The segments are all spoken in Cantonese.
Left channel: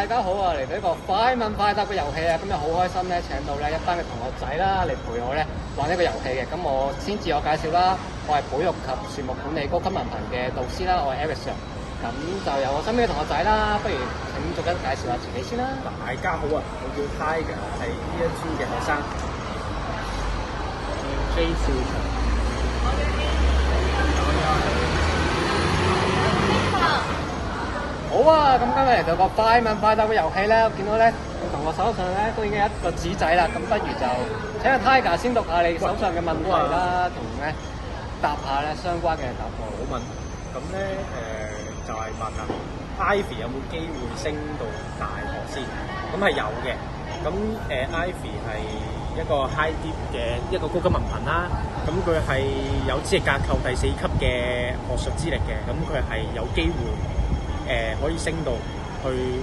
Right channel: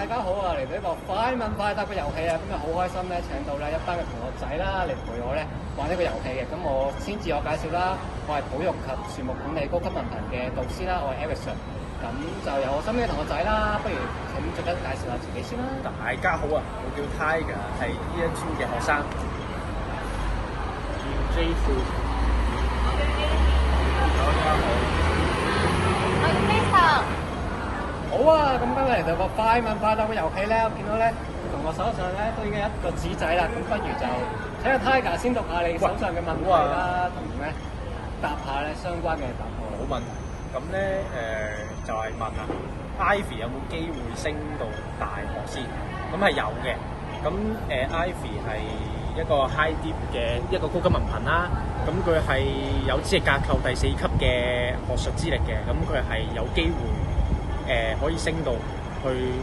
大家好啊！嚟到呢個快問快答嘅遊戲啊，今日好開心咧，請到咧一班嘅同學仔啦嚟陪我咧玩呢個遊戲嘅。咁我先自我介紹啦，我係保育及樹木管理高級文憑嘅導師啦，我係 Alex。咁就由我身邊嘅同學仔啦，不如請逐一介紹下自己先啦。大家好啊，我叫 Tiger，係呢一村嘅學生。好啊，咁今日嚟到個快問快答嘅遊戲啦，見到咧同我手上咧都已經有一個紙仔啦，咁不如就請個 Tiger 先讀下你手上嘅問題啦，同咧答下咧相關嘅答案。冇問題。咁咧就係問啊 ，Ivy 有冇機會升到大學先？咁係有嘅。咁Ivy 係一個 High Dip 嘅一個高級文憑啦。咁佢係有資歷架構第4級嘅學術資歷嘅。咁佢係有機會可以升到去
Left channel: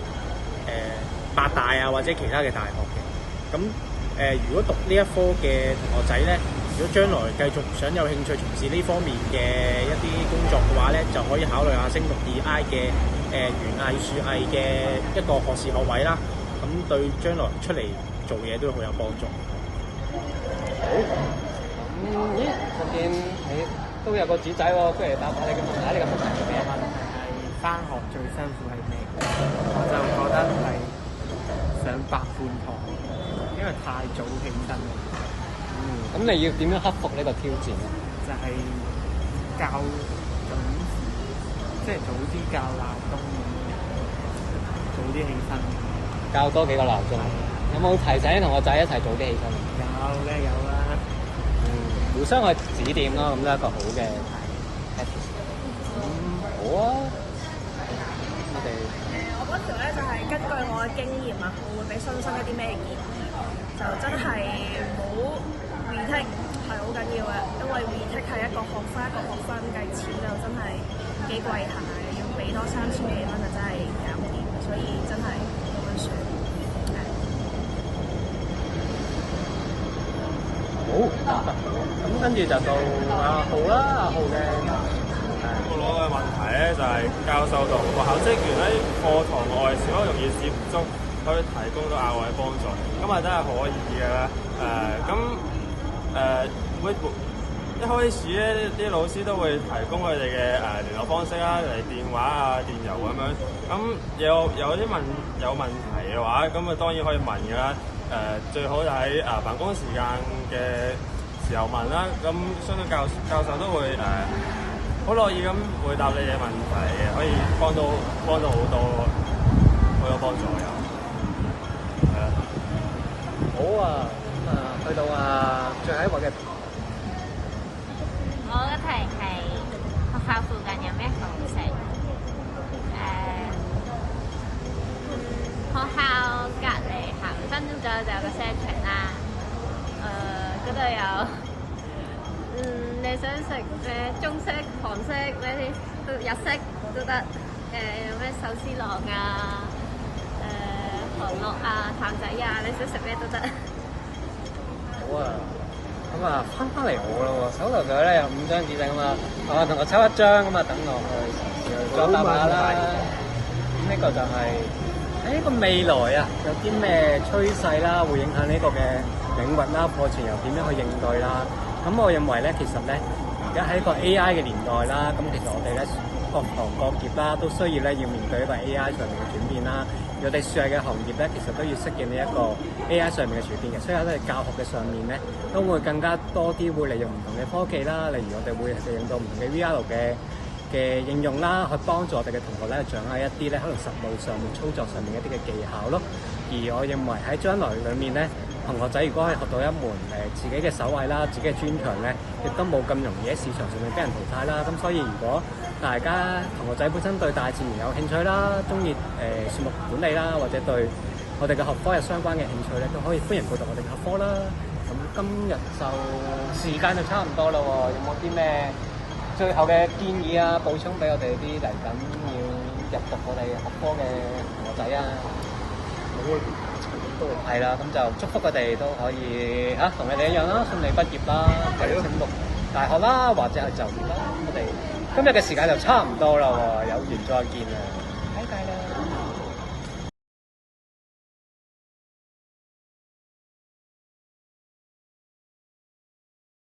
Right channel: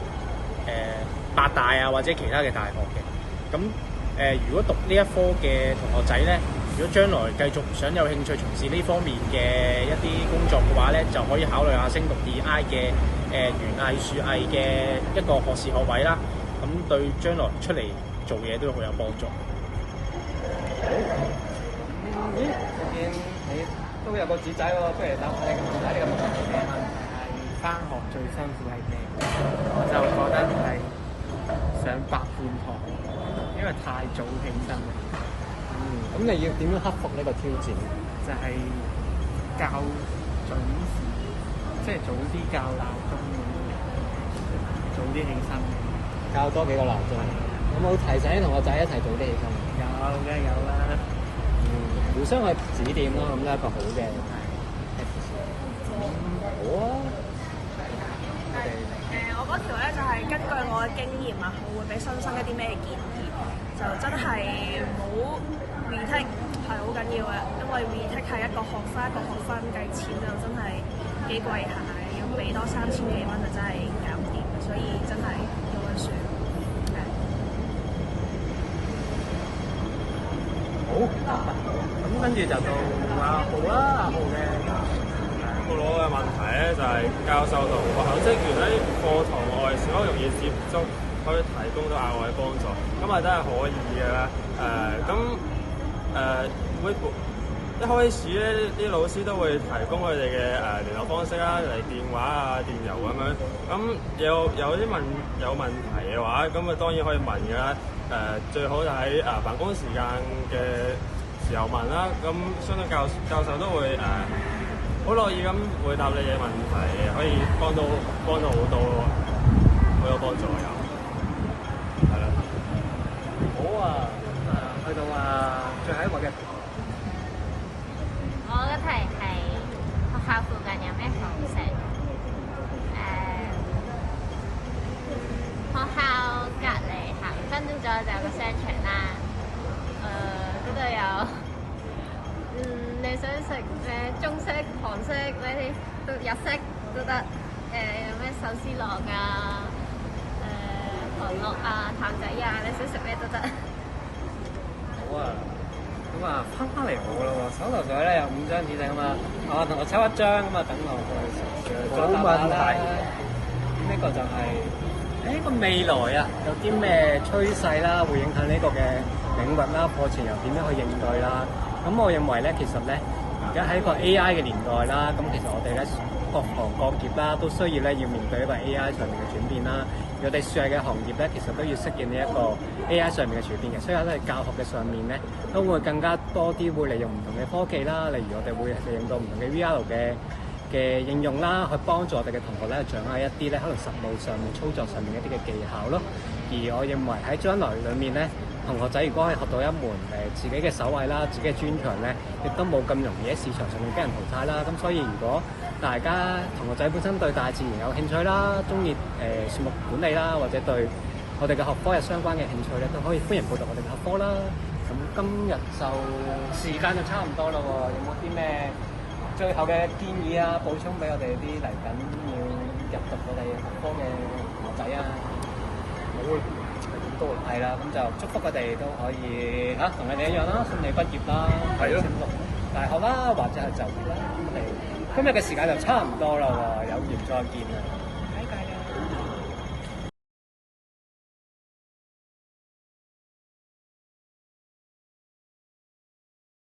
八大啊或者其他嘅大學嘅。咁如果讀呢一科嘅同學仔咧，如果將來繼續想有興趣從事呢方面嘅一啲工作嘅話咧，就可以考慮下升讀 DI 嘅園藝樹藝嘅一個學士學位啦。咁對將來出嚟做嘢都好有幫助。好，咦，我見你都有個紙仔喎，不如答下你嘅問題。你嘅問題係咩？問題係返學最辛苦係咩？我就覺得係上8半堂，因為太早起身啦。咁你要點樣克服呢個挑戰咧？就係較準時，即係早啲校鬧鐘咁樣，早啲起身。校多幾個鬧鐘。有冇提醒啲同學仔一齊早啲起身啊？有嘅有啦。互相去指點啦，咁都係一個好嘅。好啊。我嗰條咧就係根據我嘅經驗啊，我會俾新生一啲咩建議？就真係冇 retake 係好緊要嘅，因為 retake 係一個學分一個學分計錢就真係幾貴下嘅，要俾多3000幾蚊就真係搞唔掂嘅，所以真係要溫書。好，咁跟住就到阿浩啦，阿浩嘅。我攞嘅問題咧就係教授同學校職員喺課堂外是否容易接觸，可以提供到額外嘅幫助，咁係真係可以嘅咧。會一開始咧啲老師都會提供佢哋嘅聯絡方式啦，例如電話啊、電郵咁樣。咁有啲有問題嘅話，咁啊當然可以問嘅啦。最好就喺辦公時間嘅時候問啦。咁相信教授都會好樂意咁回答你嘅問題，可以幫到好多，好有幫助有，係啦。好啊，去到最後一個嘅。我嘅題係學校附近有咩好食？學校隔離行5分鐘左右就有個商場啦。嗰度有。你想食中式、韓式咩啲日式都得，有咩壽司郎啊、韓樂啊、譚仔啊，你想食咩都得。好啊，咁翻嚟我咯喎，手頭上咧有5張紙仔啦，同我抽1張咁啊，等我去做答案啦。咁呢個就係喺個未來啊，有啲咩趨勢啦，會影響呢個嘅領域啦，課程又點樣去應對啦？咁我認為咧，其實咧，而家喺一個 AI 嘅年代啦，咁其實我哋咧各行各業啦，都需要咧要面對一個 AI 上面嘅轉變啦。我哋樹藝嘅行業咧，其實都要適應呢一個 AI 上面嘅轉變嘅，所以喺教學嘅上面咧，都會更加多啲會利用唔同嘅科技啦，例如我哋會利用到唔同嘅 VR 嘅應用啦，去幫助我哋嘅同學咧掌握一啲咧可能實務上面操作上面一啲嘅技巧咯。而我認為喺將來裏面咧，同學仔如果可以學到一門自己嘅手藝啦，自己嘅專長咧，亦都冇咁容易喺市場上面俾人淘汰啦。咁所以如果大家同學仔本身對大自然有興趣啦，中意樹木管理啦，或者對我哋嘅學科有相關嘅興趣咧，都可以歡迎報讀我哋嘅學科啦。咁今日就時間就差唔多啦喎，有冇啲咩最後嘅建議啊，補充俾我哋啲嚟緊要入讀我哋學科嘅同學仔啊？冇啦，係咁多啦。係啦，咁就祝福佢哋都可以同佢哋一樣啦，順利畢業啦，升讀大學啦，或者係就業啦。咁我哋今日嘅時間就差唔多啦喎，有緣再見啦。